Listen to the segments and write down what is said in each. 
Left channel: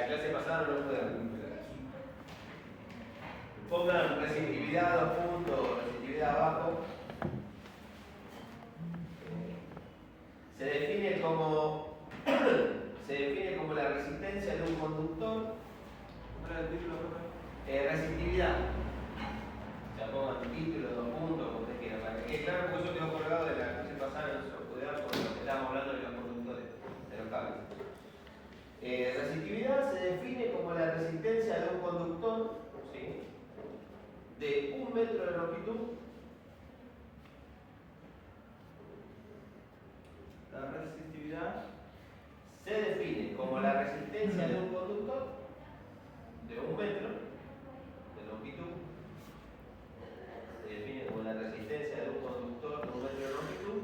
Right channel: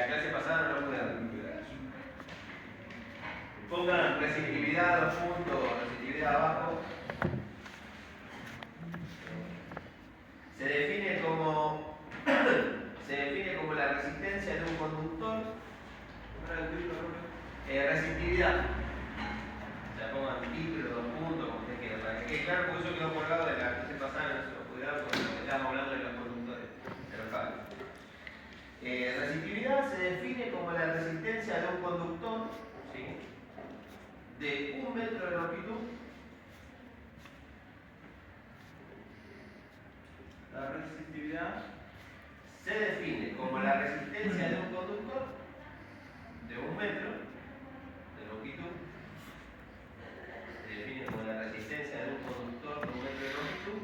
la clase pasada no lo pude recuperar. Pongan resistividad 2 puntos, resistividad abajo. Se define como la resistencia de un conductor. Resistividad. O sea, pongan título 2 puntos, como ustedes quieran, para que quede claro, porque eso quedó colgado de la clase pasada, no se lo pude dar porque estábamos hablando de los conductores, de los cables. Resistividad se define como la resistencia de un conductor, ¿sí?, de 1 metro de longitud. La resistividad Se define como la resistencia de un conductor de 1 metro de longitud. Se define como la resistencia de un conductor de 1 metro de longitud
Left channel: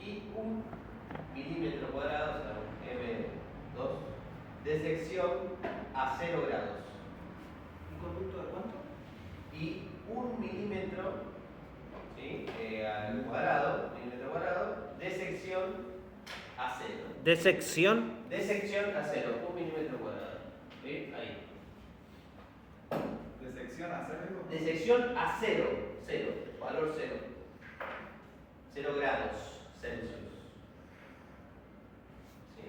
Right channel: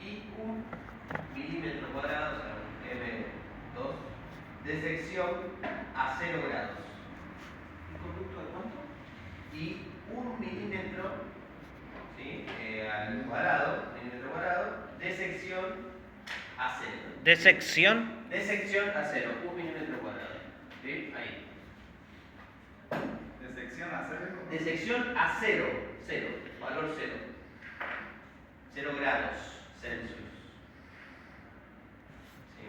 y 1 milímetro cuadrado, o sea, M2, de sección a 0 grados. ¿un conducto de cuánto? Y 1 milímetro, ¿sí?, al cuadrado, milímetro cuadrado, de sección a 0. ¿De sección? De sección a 0, 1 milímetro cuadrado. ¿Sí? Ahí. ¿De sección a 0? De sección a 0, 0, valor 0. 0 grados Celsius. Sí.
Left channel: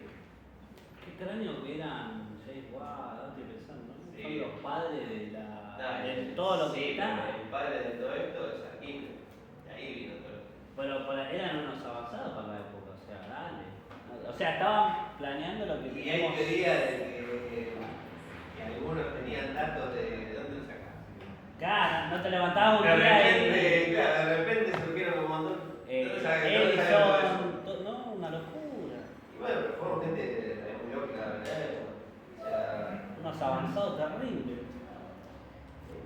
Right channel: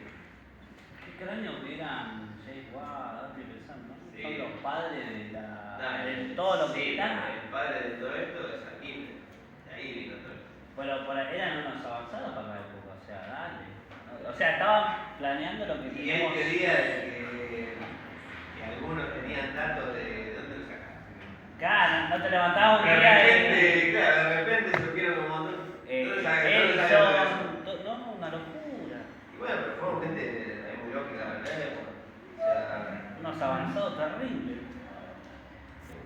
Qué extraño que eran James Watt, estoy pensando, ¿no? Sí. Son los padres de Dale. todo lo Sí, que está. El padre de todo esto es Aquino. De ahí vino todo esto. Pero eran unos avanzados para la época, o sea, dale. O sea, estaban planeando lo que Y él tenemos. quería que algunos tenían datos de dónde lo sacaban. Claro, no te levantabas un De día repente, claro, de repente surgieron un montón. no, una locura. Y bueno, pero fueron gente muy lógica, ¿verdad? O sea, Unos avanzados terribles.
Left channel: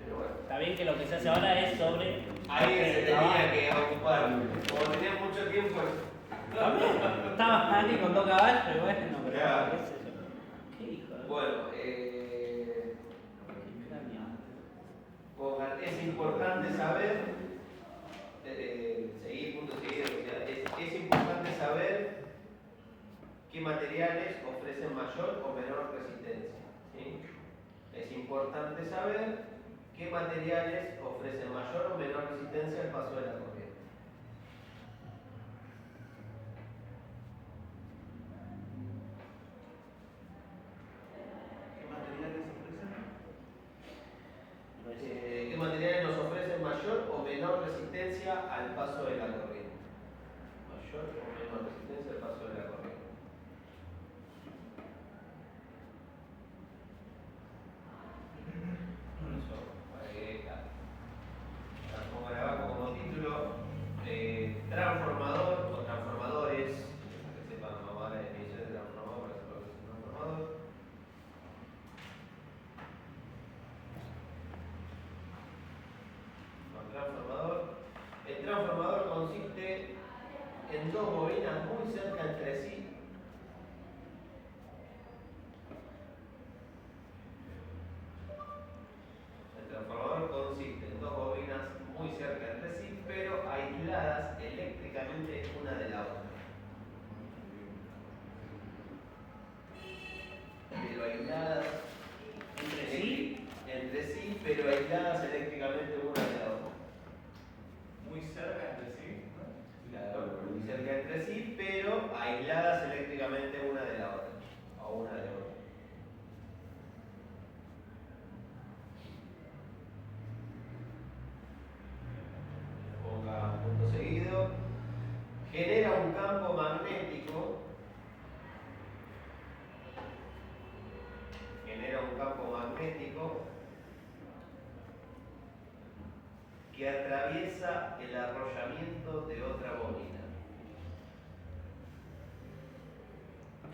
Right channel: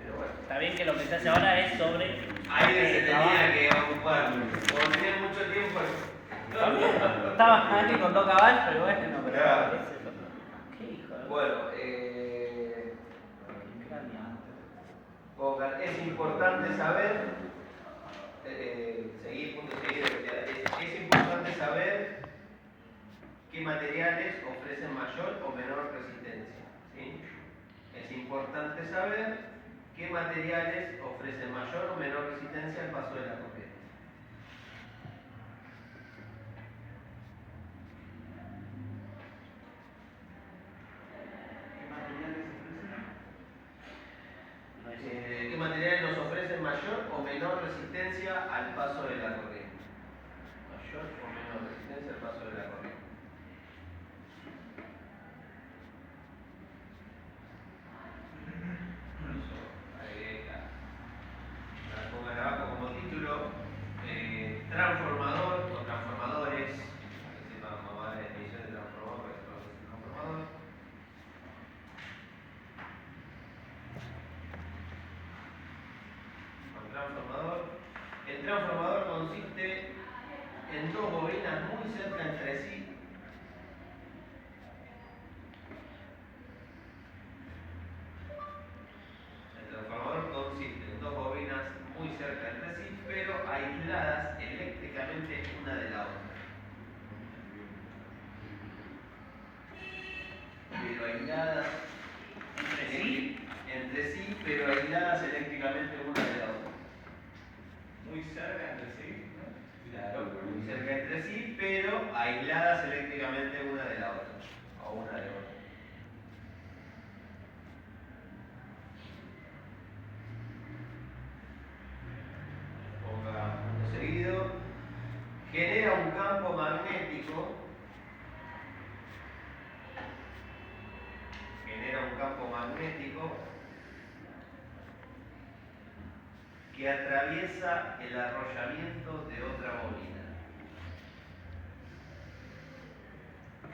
pero bueno. Está bien que lo que se hace ahora es sobre. Alguien se trabajo. tenía que ocupar. Como tenían mucho tiempo. También estaba ahí con 2 caballos, pero bueno, pero Claro. ¿qué es eso? ¿Qué hijo de Bueno, pongan, es importante saber, seguir punto seguido, es importante saber qué materiales ofrecen mayor o menor resistencia. ¿Sí? Es importante saber qué materiales ofrecen mayor o menor resistencia al paso de la corriente. ¿Qué materiales nos ofrecen mayor o menor resistencia al paso de la corriente? Mayor o menor resistencia al paso de la corriente. Pongan abajo como título transformador o transformadores, para que sepan más la definición de transformador, que es lo que es un transformador. El transformador consiste en 2 bobinas muy cerca entre sí. El transformador consiste en 2 bobinas muy cerca entre sí, pero aisladas eléctricamente una de la otra. Pero aisladas entre sí, pero aisladas eléctricamente una de la otra. Muy cerca entre sí, ¿no? Claro, muy cerca entre sí, pero aisladas eléctricamente una de la otra, o una de otra. Ponga punto seguido. Genera un campo magnético. Genera un campo magnético que atraviesa el arrollamiento de otra bobina.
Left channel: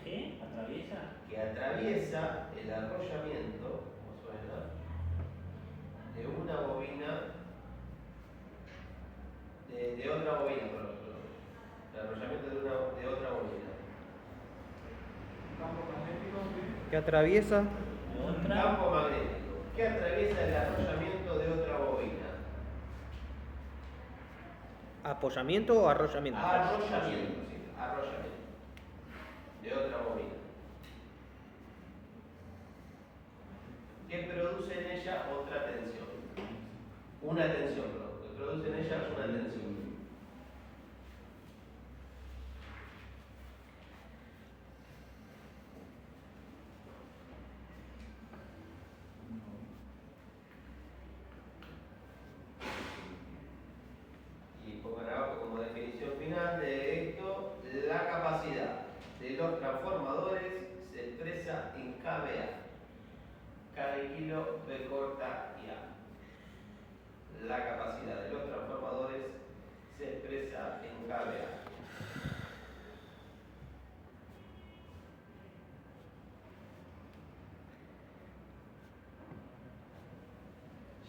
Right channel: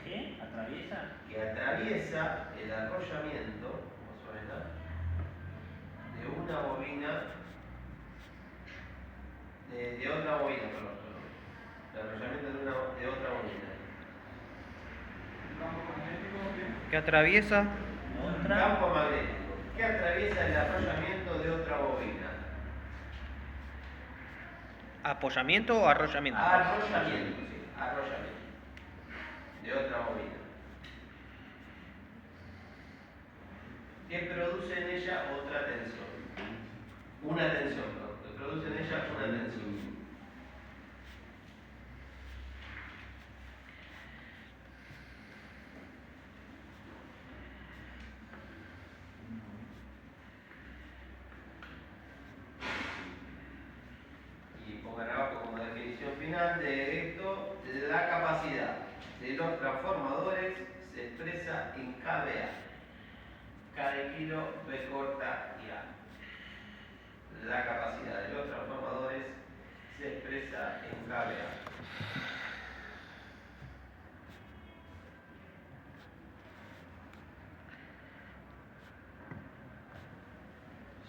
¿Qué? ¿Atraviesa? Que atraviesa el arrollamiento, más o menos, de una bobina, de otra bobina, perdón. El arrollamiento de otra bobina. Un campo magnético, ¿qué? ¿Que atraviesa? Otra. Campo magnético que atraviesa el arrollamiento de otra bobina. ¿Apoyamiento o arrollamiento? Arrollamiento, sí, arrollamiento de otra bobina. que produce en ella otra tensión. Una tensión, perdón, que produce en ella una tensión. Y pongan abajo como definición final de esto, la capacidad de los transformadores se expresa en kVA. Cada kilo B corta y A. La capacidad de los transformadores se expresa en kVA.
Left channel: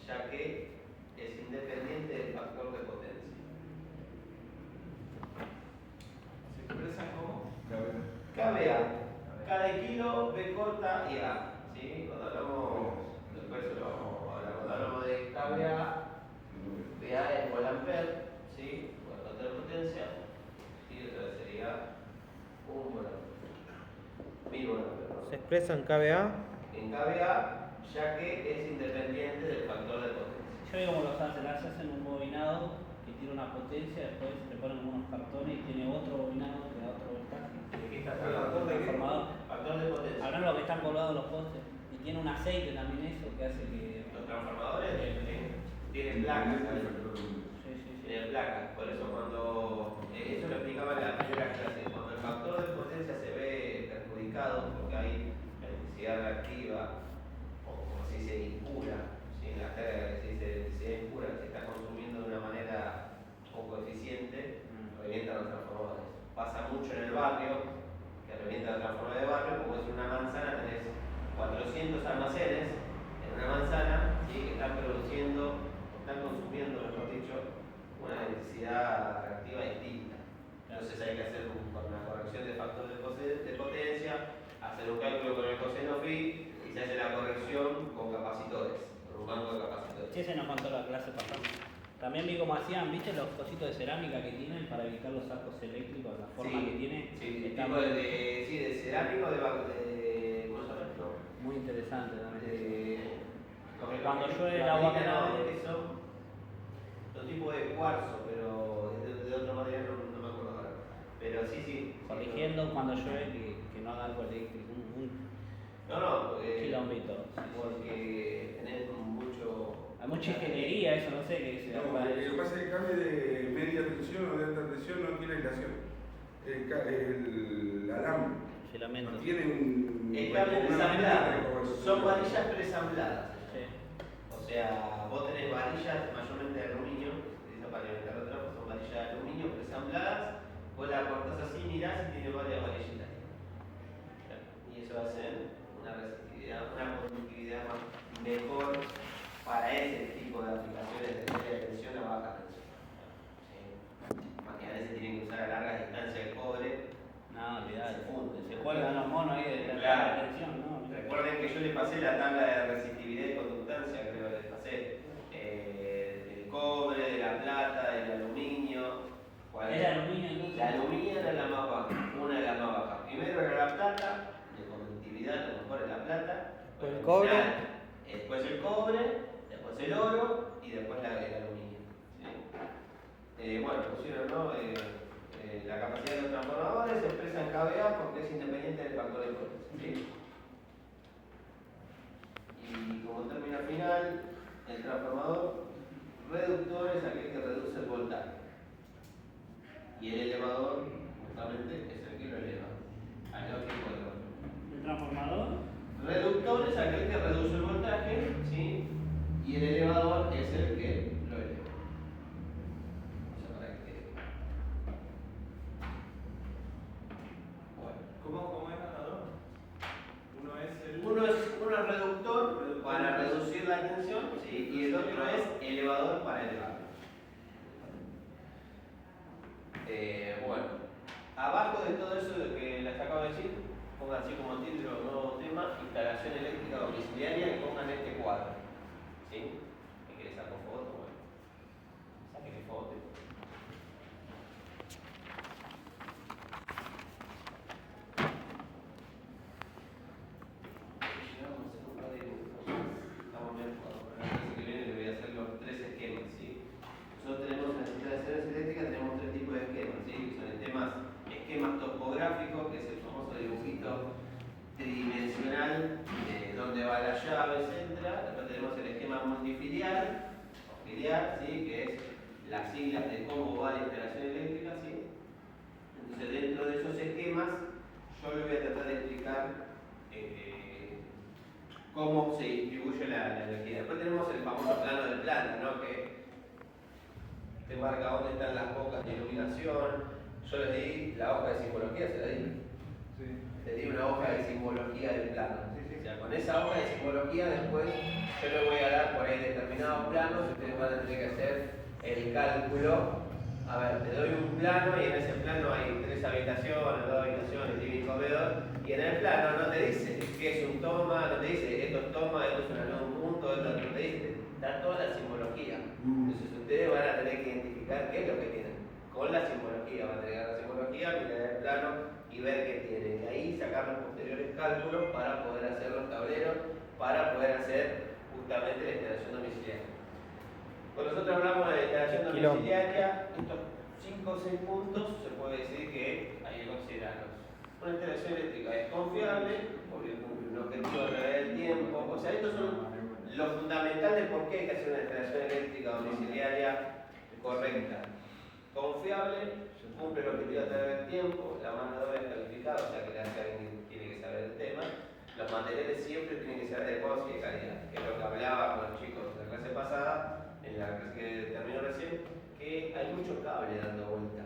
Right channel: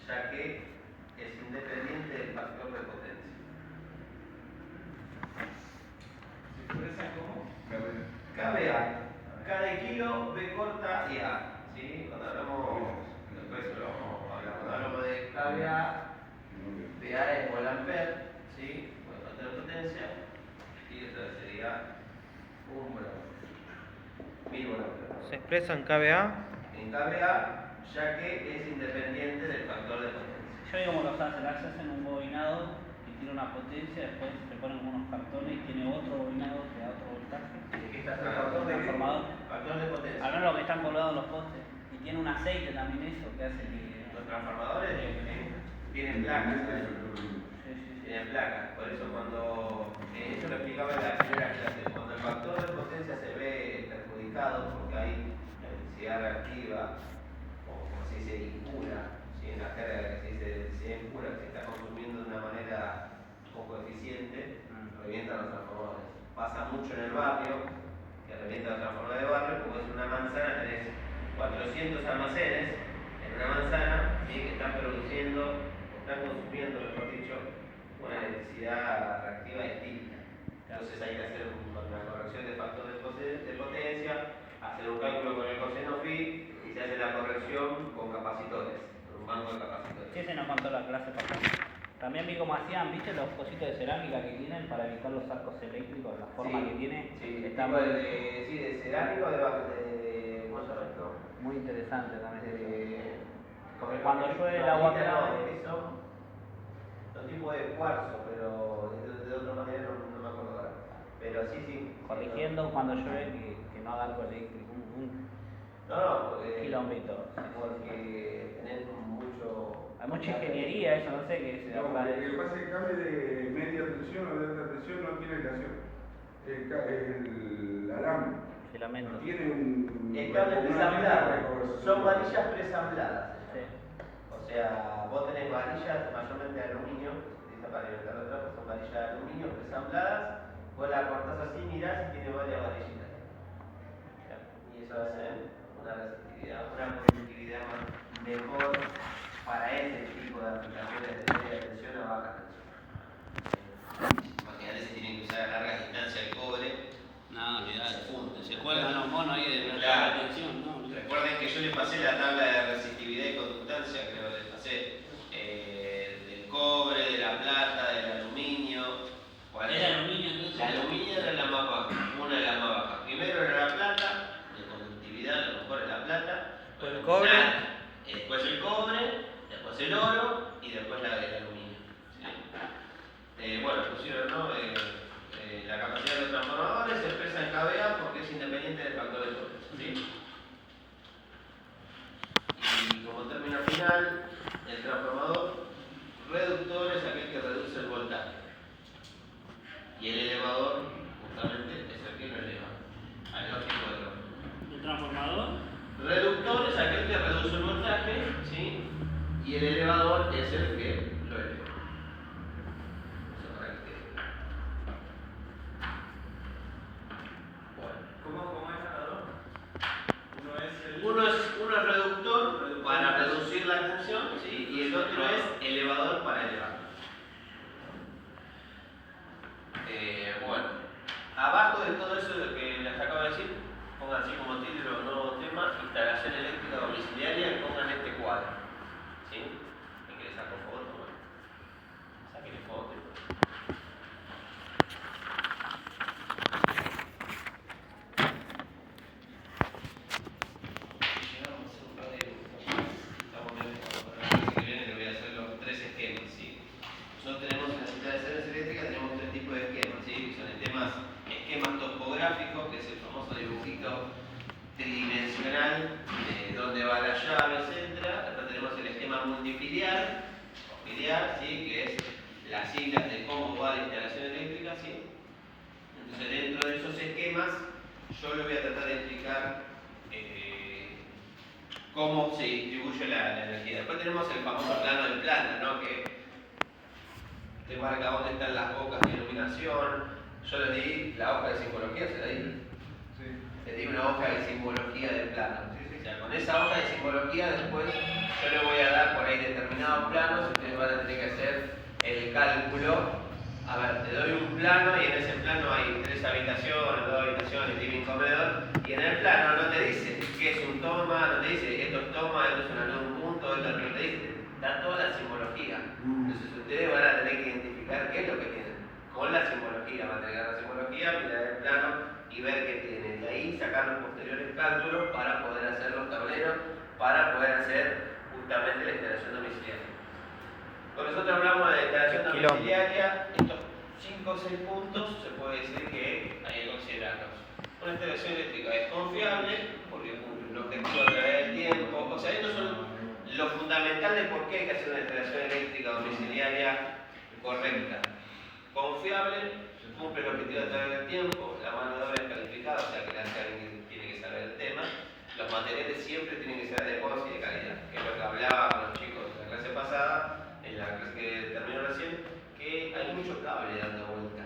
Ya que es independiente del factor de potencia. ¿Se expresa como? kVA. Cada kilo B corta y A. ¿Sí? Cuando hablamos, después lo vamos a hablar. Cuando hablamos de kVA, PA es Volt-Ampere, ¿sí? Por el factor de potencia. Y esto sería un Volt-Ampere. 1000 Volt-Ampere. Se expresa en kVA. En kVA, ya que es independiente del factor de potencia. Yo digo como los hacen, hacen un bobinado que tiene una potencia, después le ponen unos cartones y tiene otro bobinado que da otro voltaje. Aquí está el factor de Transformador. factor de potencia. Al menos los que están colgados en los postes. Y tiene un aceite también eso que hace que. Los transformadores tienen placas. Sí, sí, sí. Tienen placas. Por eso cuando eso lo explicaba en la primera clase, cuando el factor de potencia se ve perjudicado porque hay electricidad reactiva o como se dice impura, ¿sí? En la jerga que se dice electricidad impura que se está consumiendo de una manera poco eficiente, revientan los transformadores. Pasa mucho en el barrio que revientan los transformadores de barrio, como es una manzana, tenés 400 almacenes en una manzana, ¿sí? Que están produciendo, están consumiendo, mejor dicho, una electricidad reactiva distinta. Entonces hay que hacer una corrección de factor de potencia, hacer un cálculo con el coseno phi y se hace la corrección con capacitores, con un banco de capacitores. Sí, se nos contó la clase pasada. También vi cómo hacían, ¿viste? Los cositos de cerámica que tienen para evitar los arcos eléctricos, la forma que tiene. Sí, está tipo de cerámico, de ¿cómo se llama esto? muy interesante también. Porque Los cuando que- llueve el los agua que cae. son tipo de cuarzo, pero de otra manera no me acuerdo ahora. Pero sí. Corrigiendo cuando llueve que no haga algo eléctrico, No, porque. kilómetro. Porque tenés mucho. Hay mucha ingeniería eso, no sé qué se No, da. lo que pasa es que el cable de media tensión o de alta tensión no tiene aislación. El alambre Filamento. no tiene un. Están ensambladas, son varillas. varillas preensambladas. Sí. O sea, vos tenés varillas mayormente de aluminio, esa para alimentar de trapo son varillas de aluminio preensambladas, vos las cortás así, mirás y tiene varias varillitas. Y eso hace una resistividad, una conductividad mejor para ese tipo de aplicaciones de media tensión a baja tensión. Imagínate si tienen que usar a largas distancias el cobre. No, olvidate. Se funde. Se cuelgan los monos ahí de la Claro. tensión, ¿no? Recuerden que yo les pasé la tabla de resistividad y conductancia, creo que les pasé del cobre, de la plata, del aluminio. ¿Cuál ¿Es era? aluminio entonces? La aluminio era la más baja, una de las más bajas. Primero era la plata, de conductividad, a lo mejor es la plata. Pues el bueno, cobre. nada. Después el cobre, después el oro y después el aluminio. ¿Sí? Bueno, pusieron, ¿no? La capacidad de los transformadores se expresa en kVA porque es independiente del factor de potencia. ¿Sí? Y como término final, el transformador reductor es aquel que reduce el voltaje. Y el elevador, justamente, es el que lo eleva. Al lógico del orden. ¿El transformador? Reductor es aquel que reduce el voltaje, ¿sí? Y el elevador es el que lo eleva. Eso para que quede claro. Bueno. ¿Cómo es cada dos? Uno es reductor para reducir la tensión, ¿sí? Y el otro es elevador para elevarla. Bueno, abajo de todo eso de lo que les acabo de decir, pongan así como título nuevo tema, instalación eléctrica domiciliaria, y pongan este cuadro. ¿Sí? ¿Me querés sacar foto? Bueno, sáquenle foto. Llevamos un par de dibujos. marca dónde están las bocas de iluminación. Yo les di la hoja de simbología, se la di. Le di una hoja de simbología del plano. O sea, con esa hoja de simbología después yo le voy a dar por ahí determinados planos y ustedes van a tener que hacer el cálculo. A ver, te doy un plano y en ese plano hay 3 habitaciones, 2 habitaciones, living, comedor, y en el plano no te dice qué es un toma, no te dice esto es toma, esto es una luz, un punto, esto no te dice, está toda la simbología. Entonces ustedes van a tener que identificar qué es lo que tienen. Con la simbología, van a tener la simbología, mirar el plano y ver qué tienen. Y ahí sacar los posteriores cálculos para poder hacer los tableros, para poder hacer justamente la instalación domiciliaria. Cuando nosotros hablamos de instalación domiciliaria, estos 5 o 6 puntos se puede decir que hay que considerarlos. Una instalación eléctrica es confiable porque cumple un objetivo a través del tiempo. O sea, estos son lo fundamental de por qué hay que hacer una instalación eléctrica domiciliaria correcta. Confiable, cumple el objetivo a través del tiempo, la mano de obra es calificada, o sea que alguien tiene que saber el tema. Los materiales siempre tienen que ser adecuados y de calidad, que es lo que hablaba con los chicos de la clase pasada, en la clase que terminó recién, que hay mucho cable dando vuelta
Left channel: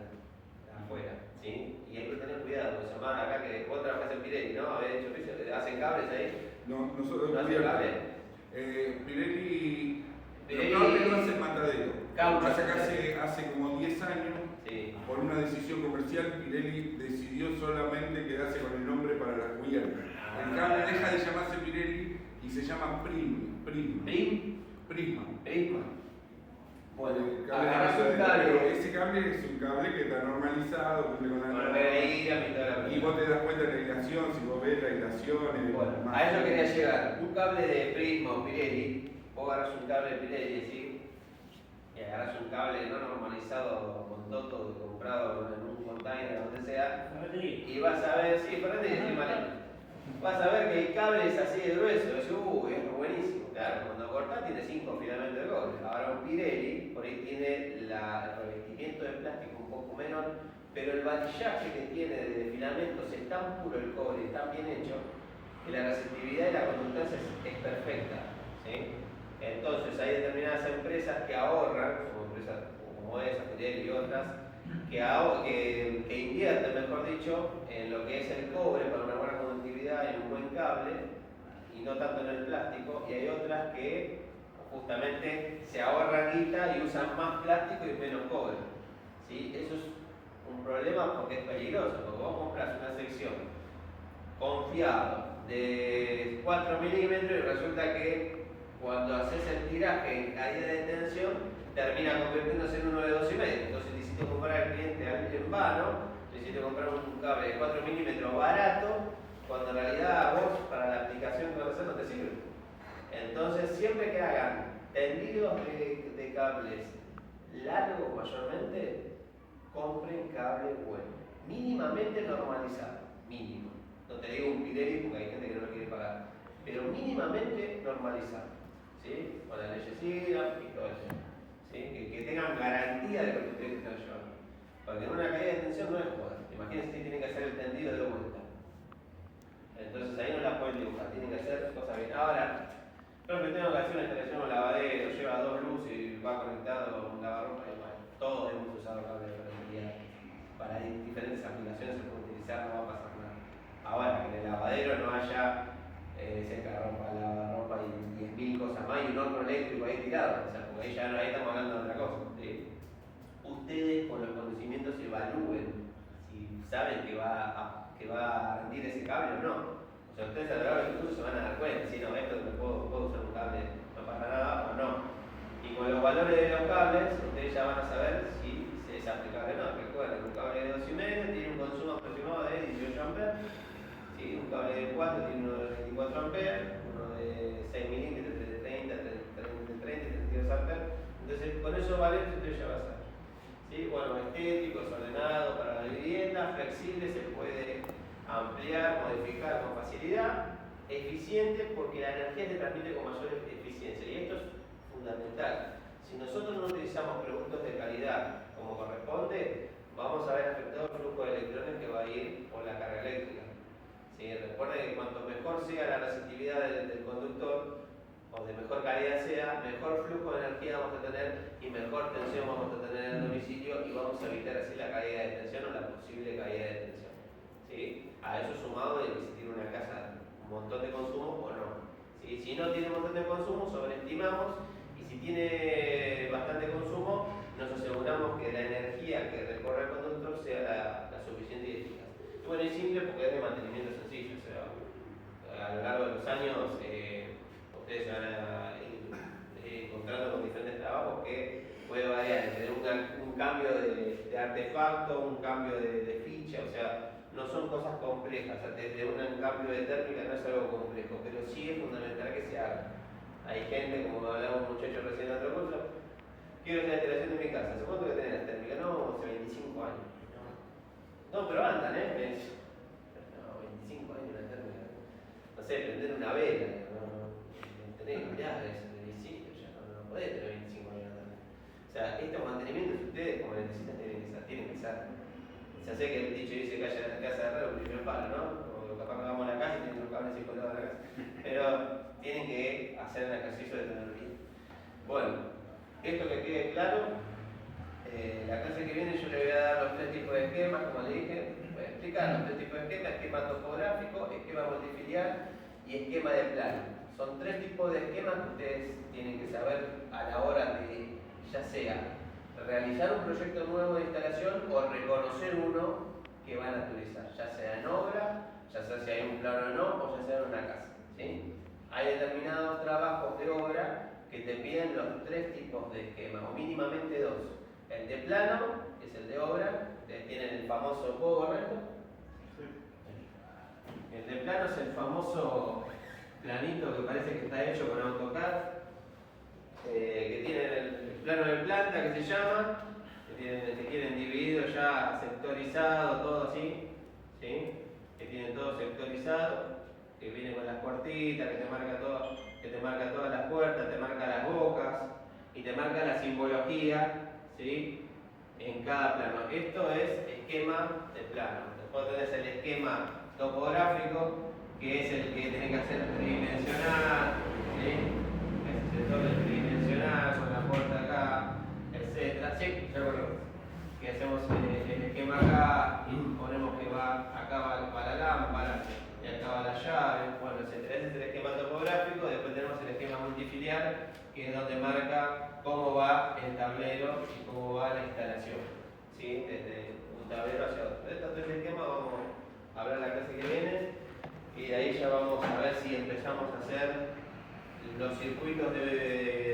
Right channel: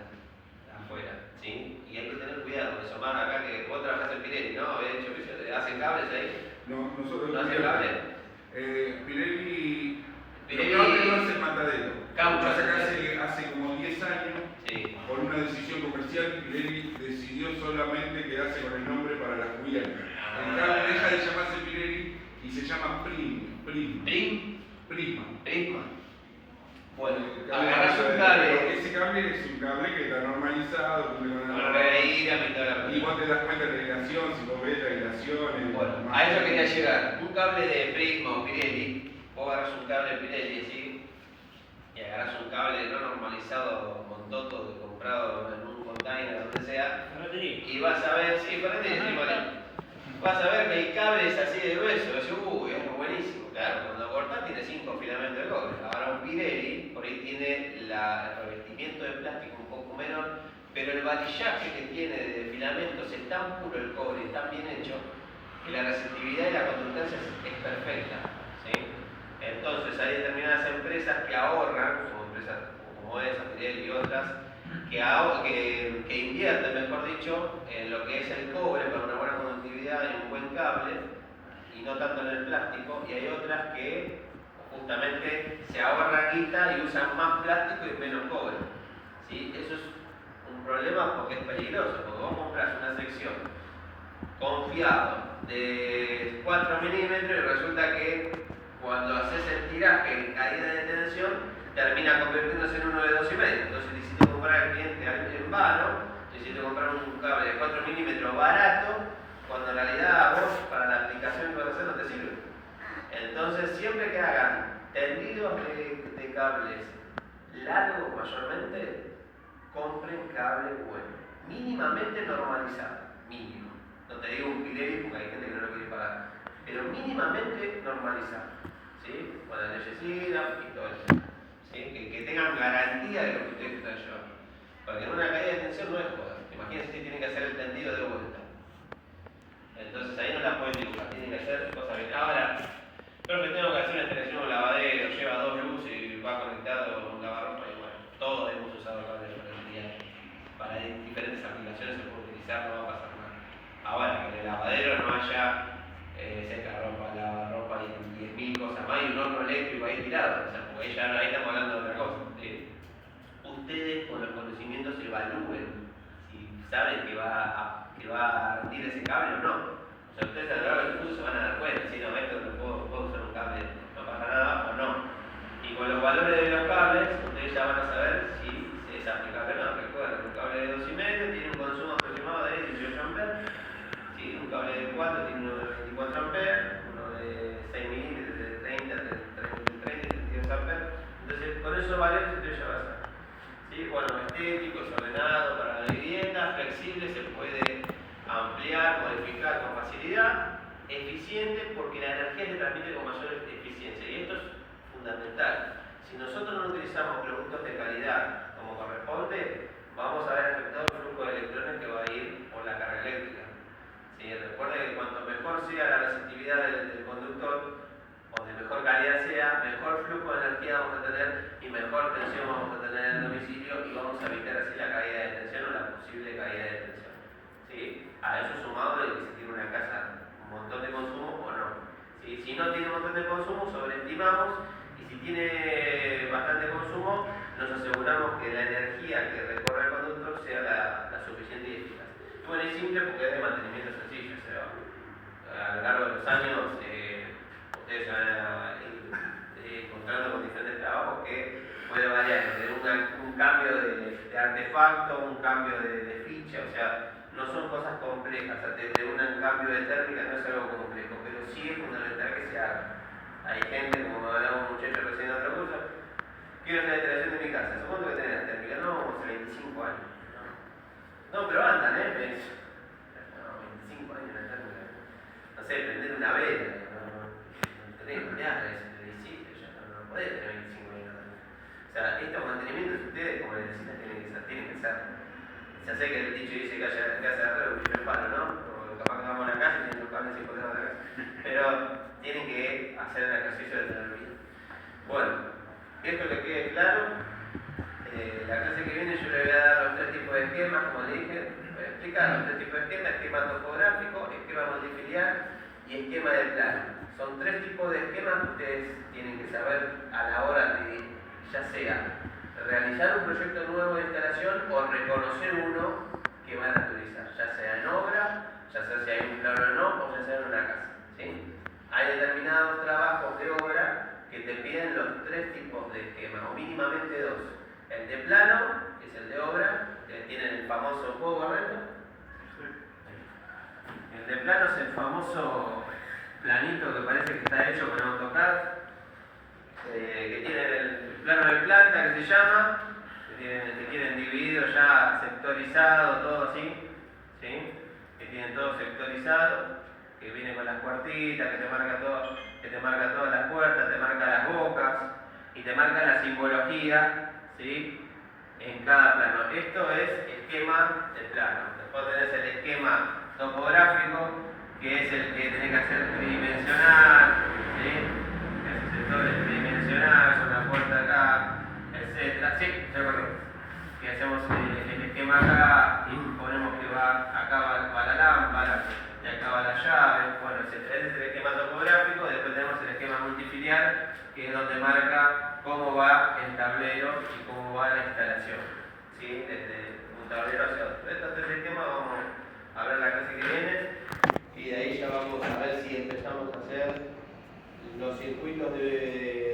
afuera, ¿sí? Y hay que tener cuidado con eso. Más acá que vos trabajás en Pirelli, ¿no? ¿Hacen cables ahí? No, nosotros ¿No hacen cables? Pirelli Pirelli no hace matadero. Caucho. Pasa que hace como 10 años, Sí. por una decisión comercial, Pirelli decidió solamente quedarse con el nombre para las cubiertas. El cable deja de llamarse Pirelli y se llama Prisma. Bueno, El cable agarrás un matadero. cable. Ese cable es un cable que está normalizado, cumple con la Con reír, y toda la y vos te das cuenta de la hilación, si vos ves la hilación. Bueno, a eso quería llegar. Un cable de Prisma o Pirelli, vos agarras un cable de Pirelli, ¿sí? Y agarras un cable no normalizado con toto comprado en un container, donde sea, y vas a ver, sí, para ti, sí, vale. Vas a ver que el cable es así de grueso, decís, uy, es buenísimo. Claro, cuando cortás tiene 5 filamentos de cobre. Ahora un Pirelli, por ahí tiene el revestimiento de plástico un poco menor, pero el varillaje que tiene de filamentos es tan puro el cobre, es tan bien hecho, que la resistividad y la conductancia es perfecta, ¿sí? Entonces hay determinadas empresas que ahorran, como empresas como esa, Pirelli y otras, que invierten, mejor dicho, en lo que es el cobre para una buena conductividad y un buen cable, y no tanto en el plástico, y hay otras que justamente se ahorran guita y usan más plástico y menos cobre, ¿sí? Eso es un problema porque es peligroso, porque vos compras una sección confiado de 4 milímetros y resulta que cuando haces el tiraje ahí de tensión termina convirtiéndose en uno de 2,5. Entonces necesito comprar al cliente en vano, necesito comprar un cable de 4 milímetros barato, cuando en realidad a vos para la aplicación que vas a hacer no te sirve. Entonces siempre que hagan tendidos de cables largos mayormente, compren cable bueno, mínimamente normalizado, mínimo. No te digo un Pirelli porque hay gente que no lo quiere pagar, pero mínimamente normalizado, ¿sí? Con la leyecida y todo eso, ¿sí? Que tengan garantía de lo que ustedes están llevando. Porque en una caída de tensión no es joder. Imagínense que tienen que hacer el tendido de vuelta. Entonces ahí no la pueden dibujar, tienen que hacer cosas bien. Ahora, pero que tengo que hacer una instalación en un lavadero, lleva 2 luces y va conectado a un lavarropa y bueno, todos hemos usado cable de ferretería. Para diferentes aplicaciones se puede utilizar, no va a pasar nada. Ahora, que en el lavadero no haya secarropa, lavarropa y 10.000 cosas más y un horno eléctrico ahí tirado, o sea, porque ahí estamos hablando de otra cosa. ¿Sí? Ustedes con los conocimientos evalúen si saben que va a rendir ese cable o no. O sea, ustedes a lo largo del curso se van a dar cuenta, si no, esto no puedo usar un cable, no pasa nada o no. Y con los valores de los cables, ustedes ya van a saber si es aplicable o no. Recuerden, un cable de 2,5 tiene un consumo aproximado de 18 amperes, ¿sí? Un cable de 4 tiene uno de 24 amperes, uno de 6 milímetros de 30, 32 amperes. Entonces, con esos valores ustedes ya van a saber. ¿Sí? Bueno, estético, es ordenado para la vivienda, flexible, se puede ampliar, modificar con facilidad, eficiente porque la energía se transmite con mayor eficiencia y esto es fundamental. Si nosotros no utilizamos productos de calidad como corresponde, vamos a ver afectado el flujo de electrones que va a ir por la carga eléctrica. ¿Sí? Recuerden que cuanto mejor sea la resistividad del conductor o de mejor calidad sea, mejor flujo de energía vamos a tener y mejor tensión vamos a tener en el ver si la caída de tensión o la posible caída de tensión. ¿Sí? A eso sumado de que si tiene una casa un montón de consumo o no. ¿Sí? Si no tiene un montón de consumo, sobreestimamos, y si tiene bastante consumo, nos aseguramos que la energía que recorre el conductor sea la suficiente y eficaz. Y bueno, es simple porque es de mantenimiento sencillo. O sea, a lo largo de los años, ustedes se van a ir encontrando con diferentes trabajos que puede variar desde un cambio de artefacto, un cambio de ficha, o sea, no son cosas complejas. O sea, desde un cambio de térmica no es algo complejo, pero sí es fundamental que se haga. Hay gente, como hablaba un muchacho recién en otro curso, quiero hacer la instalación de mi casa. ¿Cuánto que tenés la térmica? No, hace 25 años. No, pero andan, ¿eh? Me dice. No, 25 años la térmica. No sé, prender una vela. No tenés oleadas, lo hiciste, ya no podés tener 25 años. O sea, estos mantenimientos ustedes, como les decía, tienen que ser. Ya sé que el dicho dice que haya que hacer arreglo, un primer palo, ¿no? O capaz que vamos a la casa y tienen los cables y colgados a la casa. Pero tienen que hacer el ejercicio de tener vida. Bueno, esto que quede claro. La clase que viene yo le voy a dar los tres tipos de esquemas, como le dije, voy a explicar los tres tipos de esquemas: esquema topográfico, esquema multifilial y esquema de plano. Son tres tipos de esquemas que ustedes tienen que saber a la hora de, ya sea realizar un proyecto nuevo de instalación o reconocer uno que van a utilizar, ya sea en obra, ya sea si hay un plano o no, o ya sea en una casa. ¿Sí? Hay determinados trabajos de obra que te piden los tres tipos de esquemas, o mínimamente dos. El de plano, que es el de obra, que tiene el famoso PowerPoint. El de plano es el famoso planito que parece que está hecho con AutoCAD, que tiene el plano de planta, que se llama, que tienen dividido ya sectorizado, todo así, ¿sí? Que tienen todo sectorizado, que viene con las puertitas, que te marca todo, que te marca todas las puertas, te marca las bocas y te marca la simbología, ¿sí? En cada plano. Esto es esquema de plano. Después tenés el esquema topográfico, que es el que tenés que hacer tridimensional, ¿sí? Que es el sector tridimensional, con la puerta acá, etc. Sí, ya correcto. Que hacemos el esquema acá y ponemos que acá va la lámpara y acá va la llave, bueno, etc. Ese es el esquema topográfico. Después tenemos el esquema multifilial, que es donde marca cómo va el tablero y cómo va la instalación, ¿sí? Desde un tablero hacia otro. De estos tres esquemas vamos a ver la clase que viene, y de ahí ya vamos a ver si empezamos a hacer los circuitos de